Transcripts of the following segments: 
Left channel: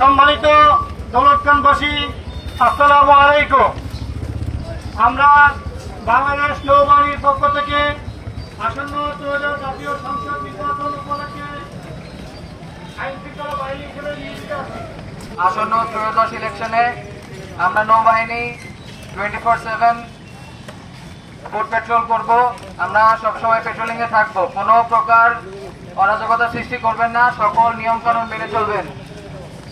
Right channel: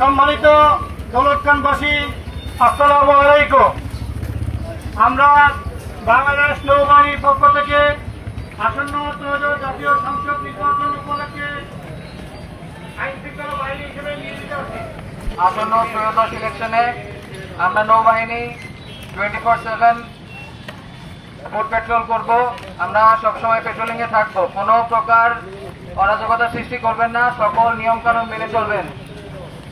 সম্মানিত দৌলতখানবাসী আসসালামু আলাইকুম। আমরা বাংলাদেশ নৌবাহিনীর পক্ষ থেকে আসন্ন ত্রয়োদশ জাতীয় সংসদ নির্বাচন উপলক্ষে বাহিনী আসন্ন ত্রয়োদশ ইলেকশনে আমরা নৌবাহিনী twenty four seven food petrol করব। আমরা সবসময় পেট্রোলিং এ থাকব। কোনো প্রকার অরাজকতা সৃষ্টি করবেন না। সকল নিয়ম কানুন মেনে চলবেন।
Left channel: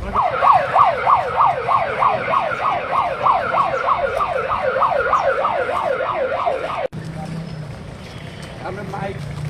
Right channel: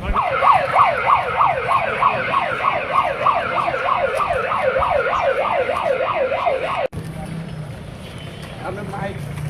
I'm a mic.